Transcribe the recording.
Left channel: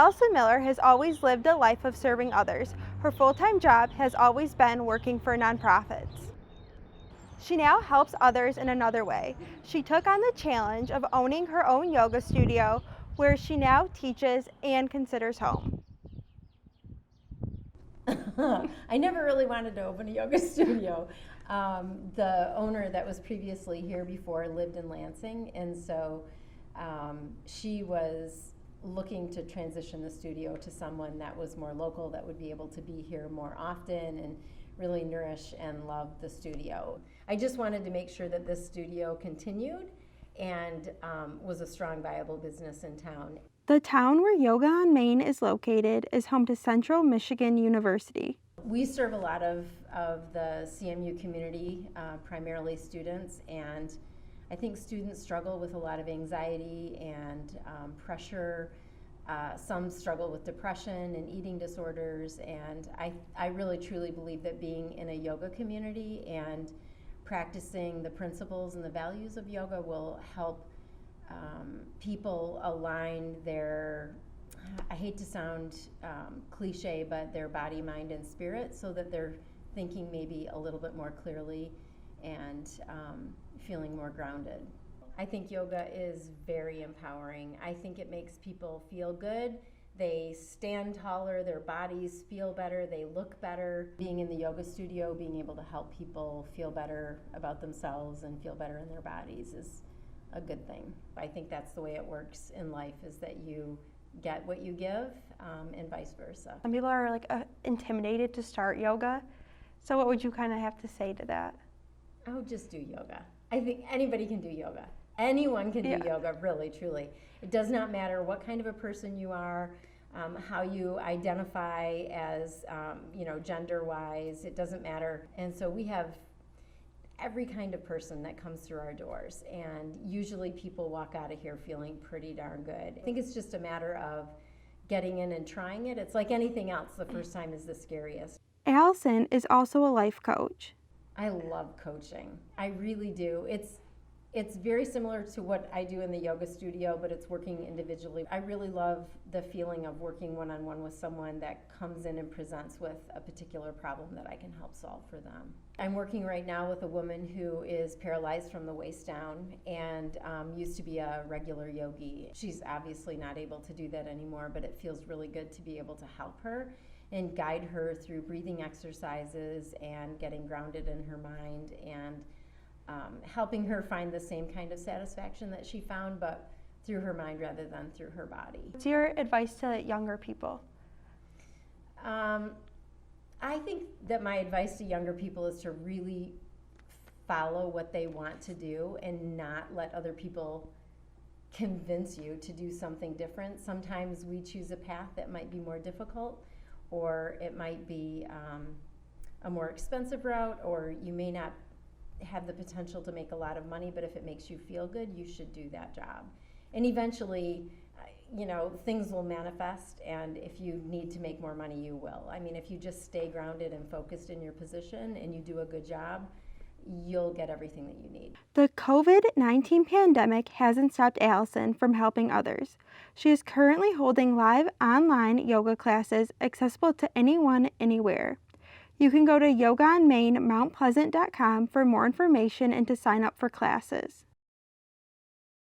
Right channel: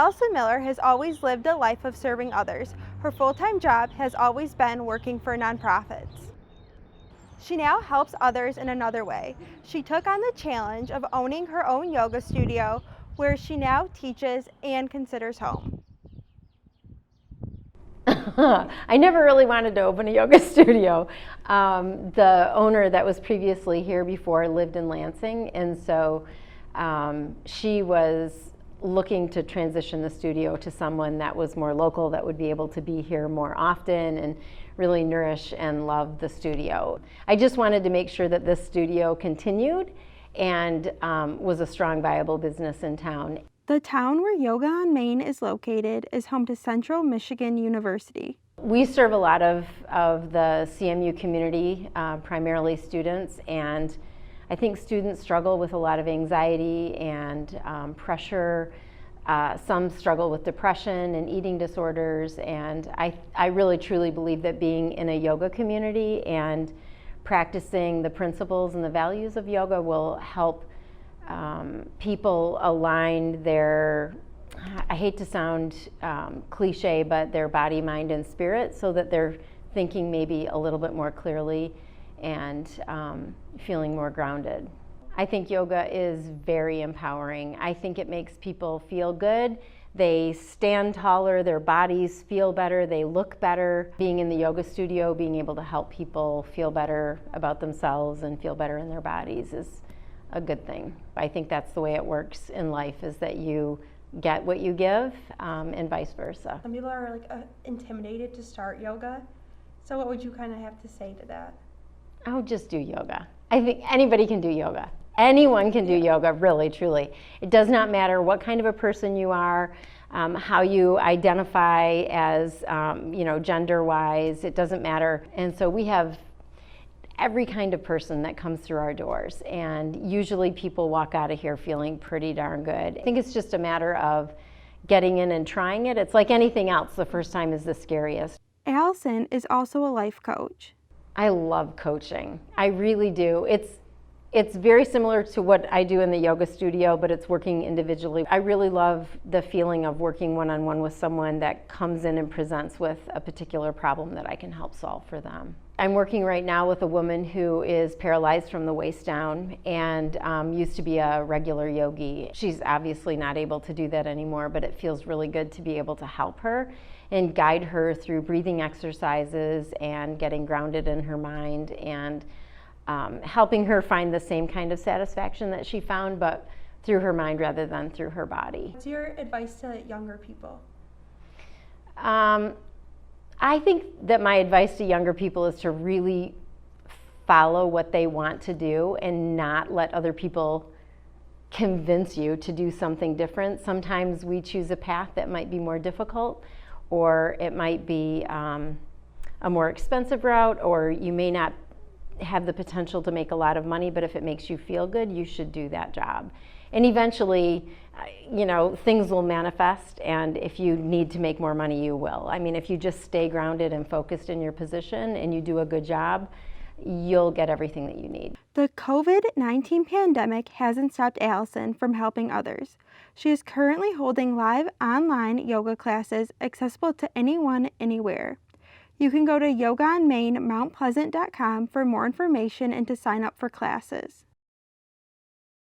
Alison Miller has always lived a life of serving others. Her full-time job has always been working for nonprofits. She now helps others in another way. She took on the challenge of owning her own yoga studio, where she now teaches and considers home. I never really wanted to open a yoga studio. The owner that was previously here before lived in Lansing, and so she was looking to transition the studio to someone that was more local, that would be able to be here more often and really nourish and love the studio. I just wanted to make sure that this studio continued and was a strong, viable business in town. The town where Yoga on Main is located is home to Central Michigan University. We serve a lot of the CMU community, primarily students, and I think students struggle with a lot of anxiety and pressure. Some struggle with depression and eating disorders, and I really truly believe that being in a yoga community and practicing the principles and the values of yoga will help people align their, I hate to sound cliche, but their body, mind, and spirit, so that they're thinking maybe a little bit more clearly and feeling more grounded. I think yoga is very empowering. I think it makes people feel good. They stand taller, their bodies feel better, they look better. Being in the yoga studio, being able to help people feel better about themselves and feel better in their bodies is a good thing. I think that's the way it works in life, is that you get what you give, and vice versa. Some people are intimidated to start yoga. So what would you kind of have to say to that? Oh, just do yoga. I think anybody can do yoga. Anyone can do yoga, really, truly. It does not matter what kind of a person you are, how you identify as, gender-wise. It doesn't matter. And so we have every kind of person that comes through our doors, and usually people walk out of here feeling pretty darn good. I think it's just a matter of getting in and trying it. It's like anything else, the first time is the scariest. Alison is also a life coach. I love coaching. I really do. It's very similar to what I do in the yoga studio, but it's working individually. I really love the feeling of working one-on-one with someone that comes in and presents with a particular problem that I can help solve for them. I'm working right now with a woman who is paralyzed from the waist down and used to be a regular yogi. She's obviously not able to do that anymore, but it feels really good to be able to help her and guide her through breathing exercises and getting grounded in her mind, and helping her find the same kind of satisfaction that she found, but through her mind rather than through her body. What's your advice to younger people? I think that my advice to younger people is to really follow what they want to do and not let other people convince you to do something different. Sometimes we choose a path that might be more difficult, or it might be a more expensive route, or you may not have the potential to make a lot of money, but if it makes you feel good, you should do that job. And eventually, things will manifest, and if you need to make more money, you will. I mean, if you just stay grounded and focused in your position and you do a good job, you'll get everything that you need. The COVID-19 pandemic hasn't stopped Alison from helping others. She is currently holding live online yoga classes accessible to anyone, anywhere. You can go to yogaonmainmountpleasant.com for more information and to sign up for classes.